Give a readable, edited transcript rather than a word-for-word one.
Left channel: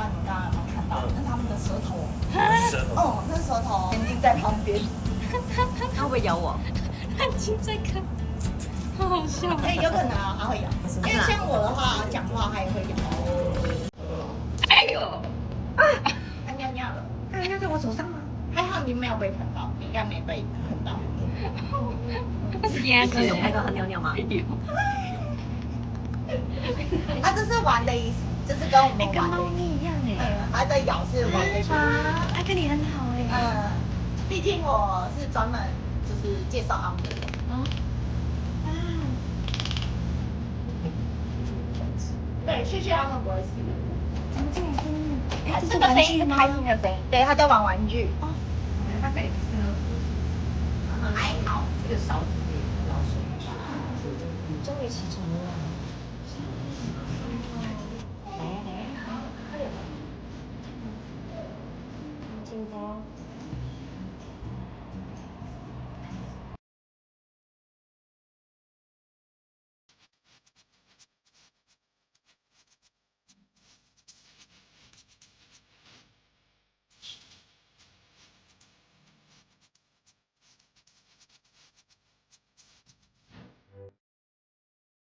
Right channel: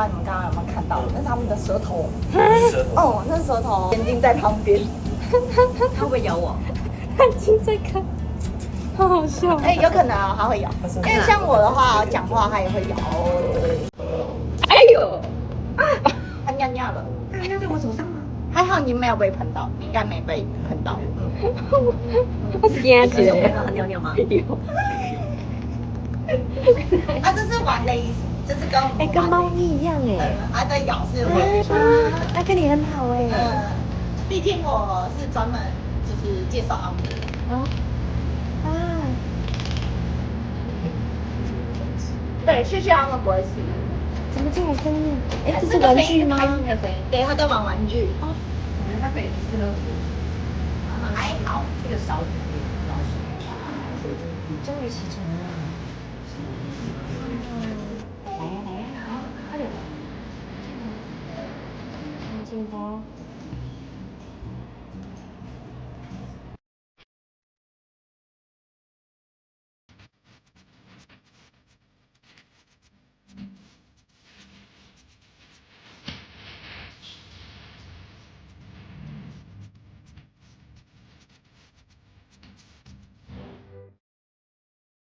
道你们刚刚有没有看到，那是他们的舌头。舌头。哦，那舌头，眼睛在旁边。它会不会咬我？眼睛在看，好好笑。哎，有可能啊，它会咬。因为像我的话，讲话它也会咬。哎呦！啊！它尿尿了。它尿在我手上吗？还好你没有被喷到，你应该没被喷到。我惊死了！看到它尿尿吗？有。啊，这是玩的意思，就是跟我们跟猫咪一样哎。它的咬是会。它跟你很好哎。毕竟我是专门就是介绍按摩。对，去他们不会吃。怎么这种声音？哎，这是玩具吗？对，他在玩玩具。哦，他每次都还好，这个勺子老鼠。终于起床了。